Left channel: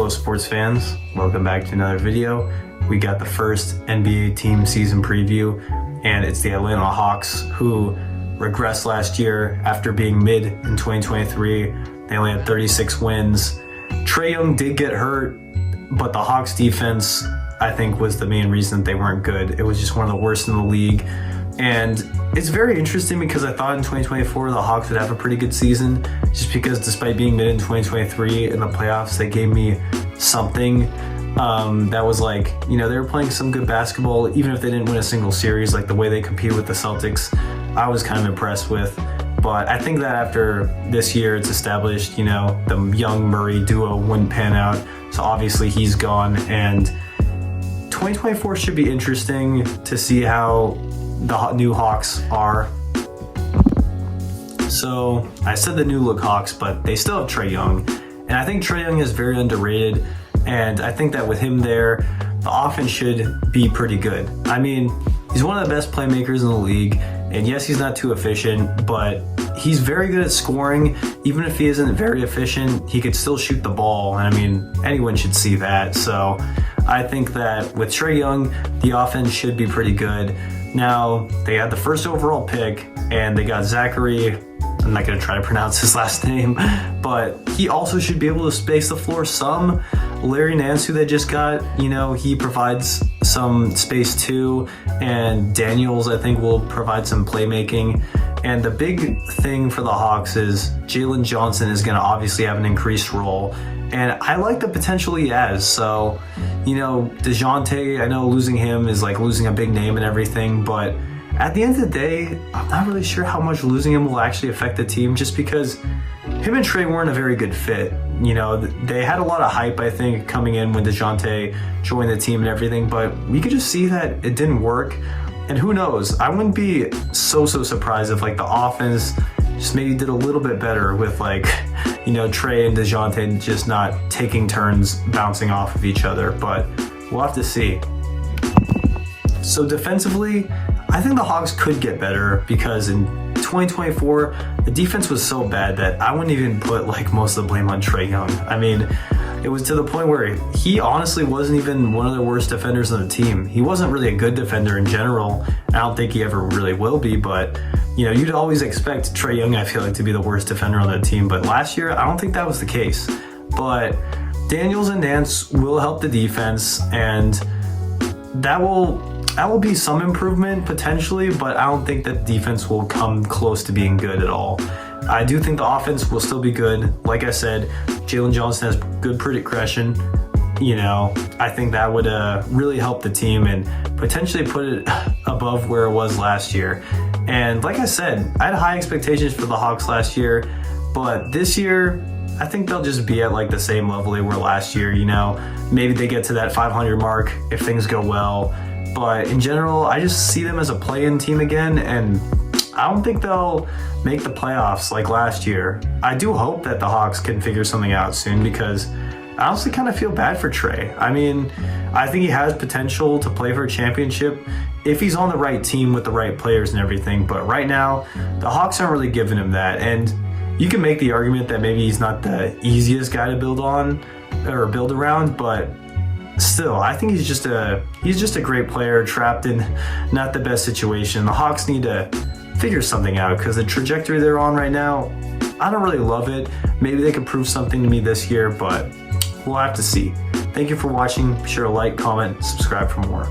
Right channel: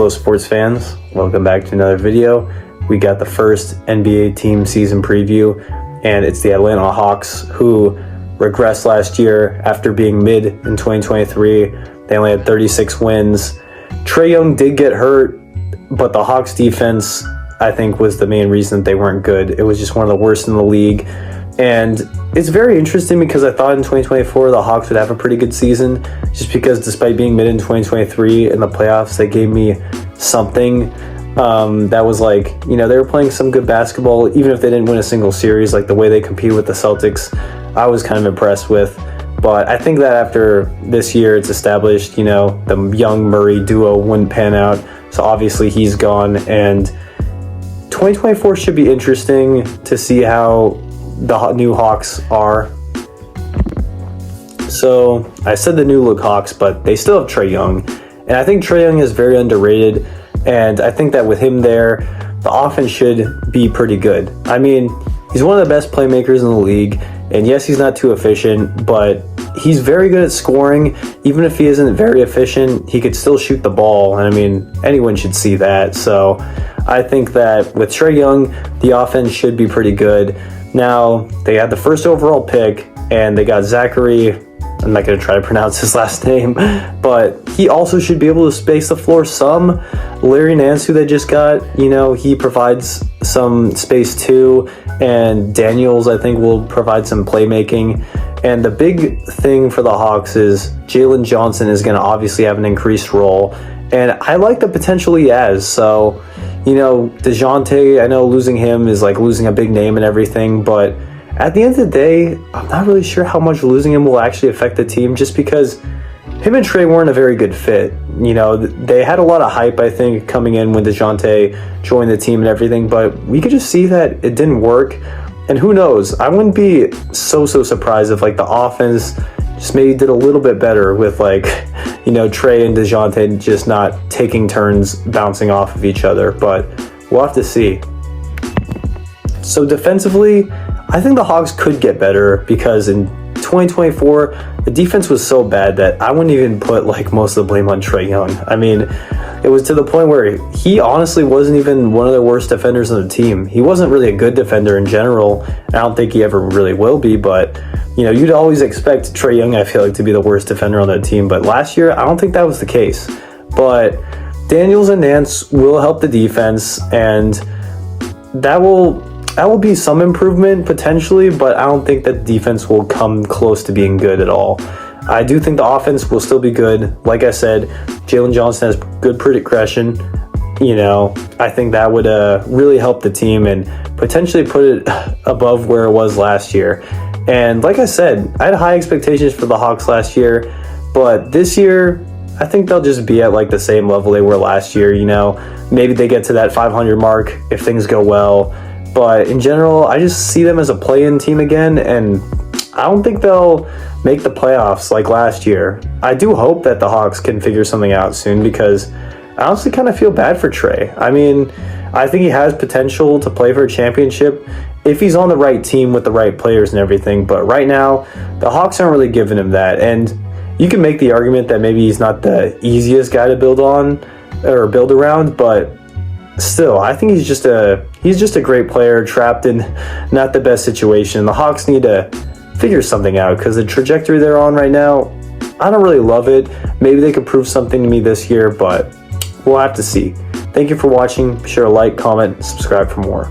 Hello sports fans, welcome back to another video. We got the first NBA team season preview, and it's the Atlanta Hawks, who regressed last year after being mid in 2023. They only had 36 wins. Trae Young did get hurt, but the Hawks defense, I think, was the main reason that they weren't good. It was just one of the worst in the league. And it's very interesting because I thought in 2024 the Hawks would have a pretty good season, just because despite being mid in 2023 in the playoffs, they gave me something that was like, you know, they were playing some good basketball, even if they didn't win a single series. Like the way they compete with the Celtics, I was kind of impressed with. But I think that after this year, it's established, you know, the Young Murray duo wouldn't pan out. So obviously he's gone, and 2024 should be interesting to see how the new Hawks are. So I said the new look Hawks, but they still have Trae Young, and I think Trae Young is very underrated, and I think that with him there, the offense should be pretty good. I mean, he's one of the best playmakers in the league, and yes, he's not too efficient, but he's very good at scoring. Even if he isn't very efficient, he could still shoot the ball, and I mean, anyone should see that. So I think that with Trae Young, the offense should be pretty good. Now, they had the first overall pick, and they got Zachary. I'm not going to try to pronounce his last name, but he also should be able to space the floor some. Larry Nance, who they just got, you know, he provides some space too, and Daniels, I think, will provide some playmaking. And the big thing for the Hawks is Jalen Johnson is going to obviously have an increased role, and I like the potential he has. So, you know, DeJounte, I know losing him is like losing a big name and everything, but at the end of the day, I'm not really sure how much losing him will actually affect the team, just because him and Trae weren't a very good fit. You know, they had a lot of hype, I think, coming in when DeJounte joined the team and everything, but we could just see that it didn't work. And who knows, I wouldn't be so surprised if like the offense just maybe did a little bit better with, like, you know, Trae and DeJounte just not taking turns bouncing off of each other, but we'll have to see. So defensively, I think the Hawks could get better, because in 2024, the defense was so bad that I wouldn't even put like most of the blame on Trae Young. I mean, it was to the point where he honestly wasn't even one of the worst defenders on the team. He wasn't really a good defender in general. I don't think he ever really will be, but you know, you'd always expect Trae Young, I feel like, to be the worst defender on that team. But last year, I don't think that was the case. But Daniels and Nance will help the defense, and that will be some improvement potentially, but I don't think that defense will come close to being good at all. I do think the offense will still be good. Like I said, Jalen Johnson has good progression. You know, I think that would really help the team and potentially put it above where it was last year. And like I said, I had high expectations for the Hawks last year, but this year, I think they'll just be at like the same level they were last year. You know, maybe they get to that 500 mark if things go well. But in general, I just see them as a play-in team again, and I don't think they'll make the playoffs like last year. I do hope that the Hawks can figure something out soon, because I honestly kind of feel bad for Trae. I mean, I think he has potential to play for a championship if he's on the right team with the right players and everything. But right now, the Hawks aren't really giving him that. And you can make the argument that maybe he's not the easiest guy to build on or build around, but still, I think he's just a great player trapped in not the best situation. The Hawks need to figure something out, because the trajectory they're on right now, I don't really love it. Maybe they could prove something to me this year, but we'll have to see. Thank you for watching. Be sure to like, comment, subscribe for more.